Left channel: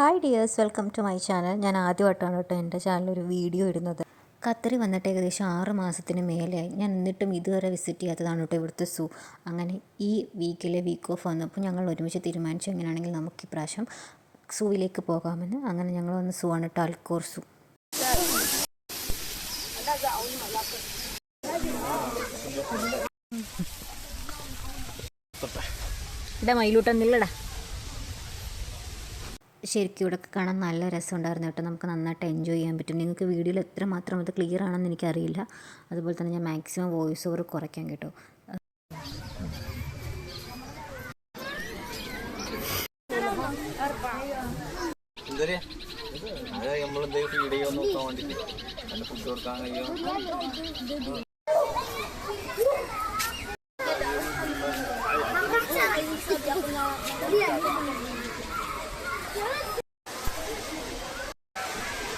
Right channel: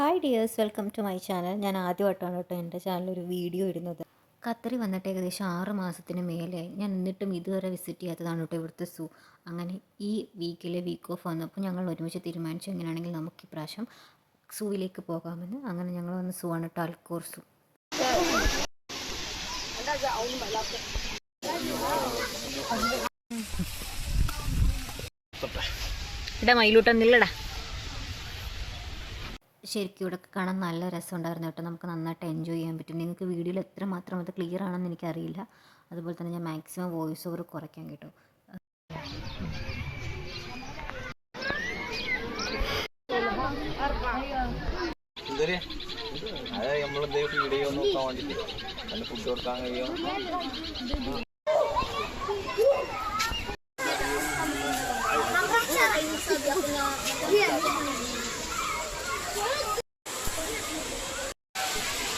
Hi dears, welcome to my channel. ഞാൻ ആദ്യമായിട്ടാണ് കേട്ടോ എൻ്റെ ചാനലൊരു വീഡിയോ ഇടുന്നത്. ഖത്തറിൽ വന്നിട്ട് ഏകദേശം 6 മാസത്തിന് മേലെയായി. ഞാൻ എന്നിട്ടും ഇതുവരെ വിസിറ്റ് ചെയ്യാത്തതാണ് കേട്ടോ ഇവിടുത്തെ സൂ. അങ്ങനെ ഈ വീക്ക് ഓഫ് വന്നപ്പോൾ ഞങ്ങൾ ഒരുമിച്ച് തീരുമാനിച്ചു എങ്ങനെയാണെങ്കിൽ നമുക്ക് ഇപ്രാവശ്യം സൂവിലേക്ക് പോകാമെന്ന്. അങ്ങനെ ഞങ്ങൾ വന്ന് സൂ ആണ് കേട്ടോ, അൽക്കോർ സൂ. ഇടാ മയിലൂട്ടൊന്നില്ലടാ. ശരിക്കും ഇവിടെ കാണാൻ നല്ല രസമുണ്ടായിരുന്നു കേട്ടോ. നമുക്ക് നന്നായിട്ട് എൻജോയ് ചെയ്യാൻ പറ്റും. നിങ്ങൾക്ക് വീഡിയോയിൽ എത്രമാത്രം അത് ക്ലിയർ ആണെന്ന് എനിക്കറിയില്ല. അതുപോലെ തന്നെ ഞാൻ മാക്സിമം വോയിസ് ഓവർ കുറയ്ക്കാം കേട്ടോ.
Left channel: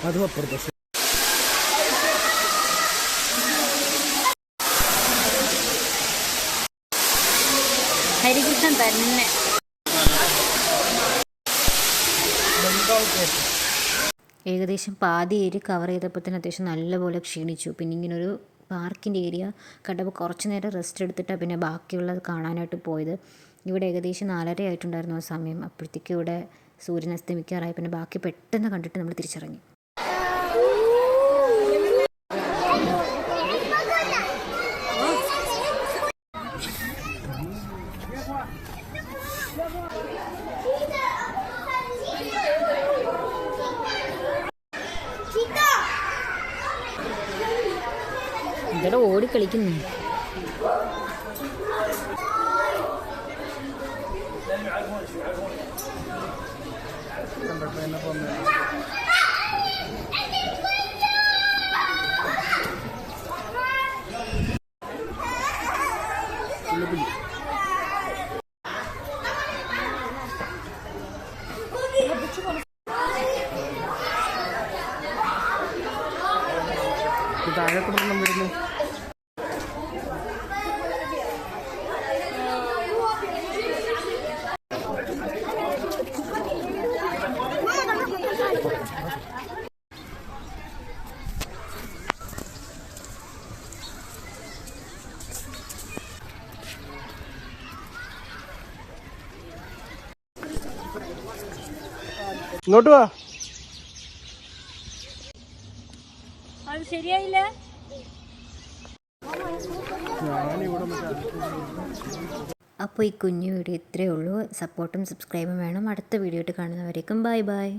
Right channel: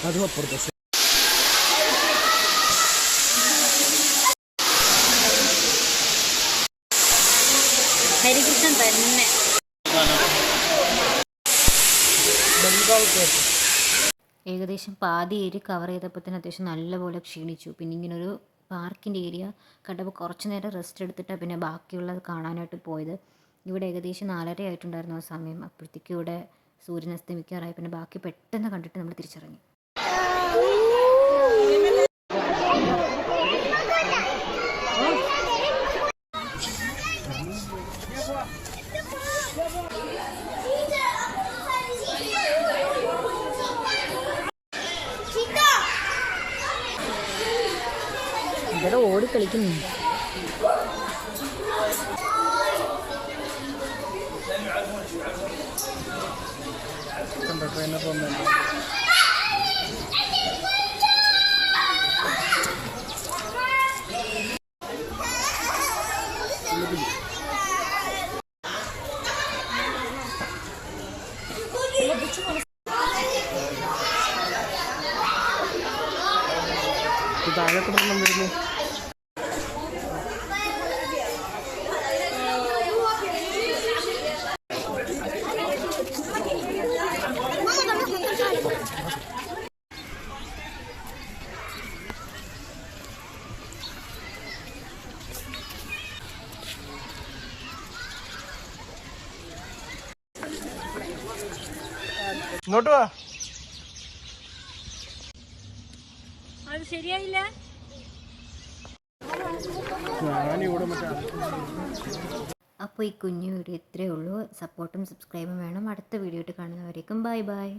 അതും അപ്പുറത്തെ ഹരികൃഷ്ണൻ തന്നെ. ഏകദേശം പാതി ഏരിയ കവർ ചെയ്തപ്പോൾ തന്നെ അത്യാവശ്യം നല്ലപോലെ ക്ഷീണിച്ചു. പിന്നെ ഇങ്ങനൊരു പാർക്കിൻ്റെ ഏരിയ കണ്ടപ്പോൾ കുറച്ച് നേരം റെസ്റ്റ് എടുത്തിട്ടാണ് പിന്നെ ബാക്കിയുള്ളത് കാണാനായിട്ട് പോയത്. ഇവിടെ ഏകദേശം 4:30 ആയിട്ടുണ്ടായിരുന്നു ആ സമയം. അപ്പോഴത്തേക്കും ഇവിടെ സൂര്യൻ അസ്തമിക്കാറായി. പിന്നെ ബാക്കി പെട്ടെന്ന് കണ്ടിട്ട് നമ്മൾ തിരിച്ചിറങ്ങി. ഇവിടെ ഓടിക്കളിക്കുന്നു. താഴെ പ്രശ്നം വരുന്നു. ഇങ്ങോട്ട് വാ. അത് ശരിയായില്ല. അപ്പോൾ ഈ കുഞ്ഞു വീഡിയോ ഇത്രയേ ഉള്ളൂ. സപ്പോർട്ടും സബ്സ്ക്രൈബും വേണം. അടുത്ത വീഡിയോ ആയിട്ട് കാണുന്നവരേക്കും ബൈ ബൈ.